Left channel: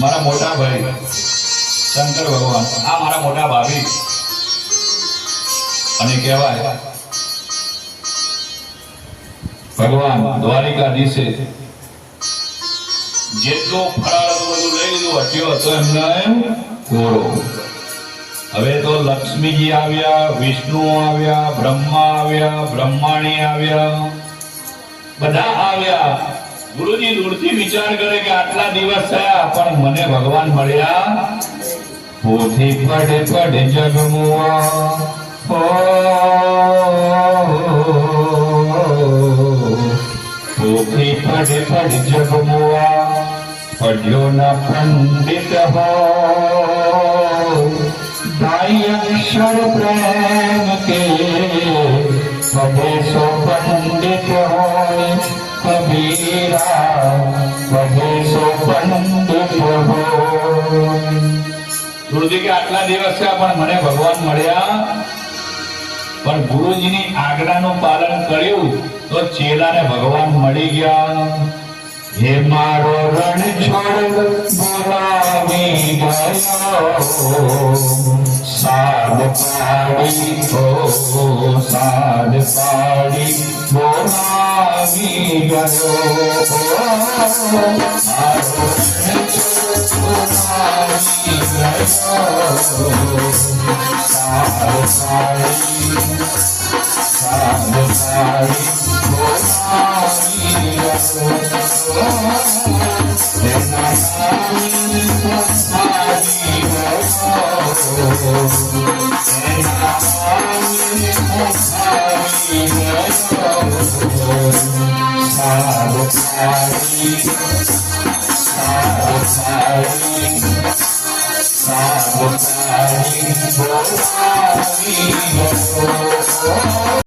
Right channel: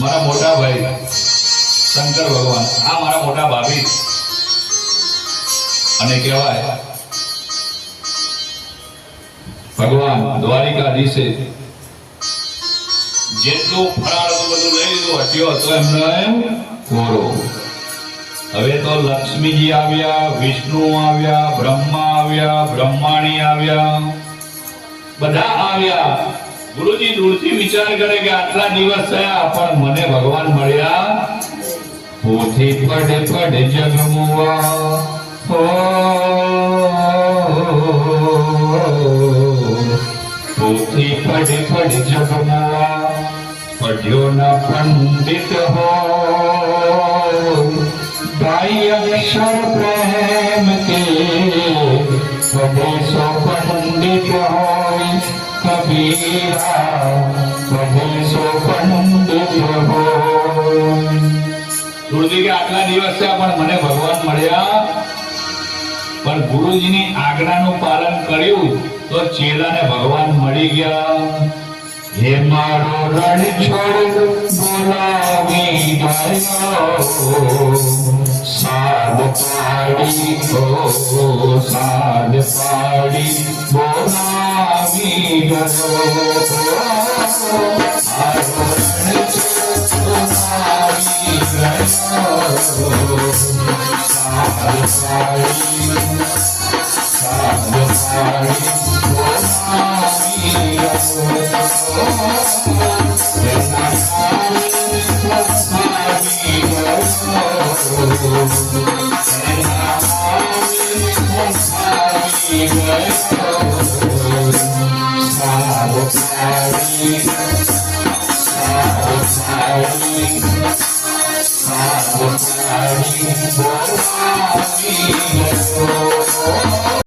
મારા મોટા ભાઈ શંકર ભગવાન, આ મારા મોટા ભાભી, અને કહેવાય ભગવાન દ્વારિકાધીશે જેટલું ફરાળ હતું બધું લઈ લીધું, હટ્યો હતો એમને કોરો. હવે તો લક્ષ્મીજી આવ્યા, વિષ્ણુ આવ્યા, બ્રહ્મા આવ્યા, બ્રહ્માણી આવ્યા, બધા આવ્યા. ગુરુજી દૂરથી વિચાર કરે કે આટલા દિવસ થયા પણ મને ભગવાન મળ્યા. પોથી પડે પડે જગમુઆ, પોથી પડે પડે જગમુઆ, પઢ્યો ના પંડિત હો, दाई अक्षर प्रेम के पढ़े सो पंडित होय, कबीरा पढ़े सो पंडित होय. ગુરુજી કે આટલા દિવસ છે પણ મને ભગવાન મળ્યા, પણ ગુરુજીની આજ્ઞાનું પાલન કર્યું તો ચેલાને ભગવાન મળી ગયા. હે મારો રણ છોડ બોલાવી ગયો, સાદ પાડી સાદ પાડી બોલાવી ગયો. મારો રણ છોડ બોલાવી ગયો, સાદ પાડી બોલાવી ગયો.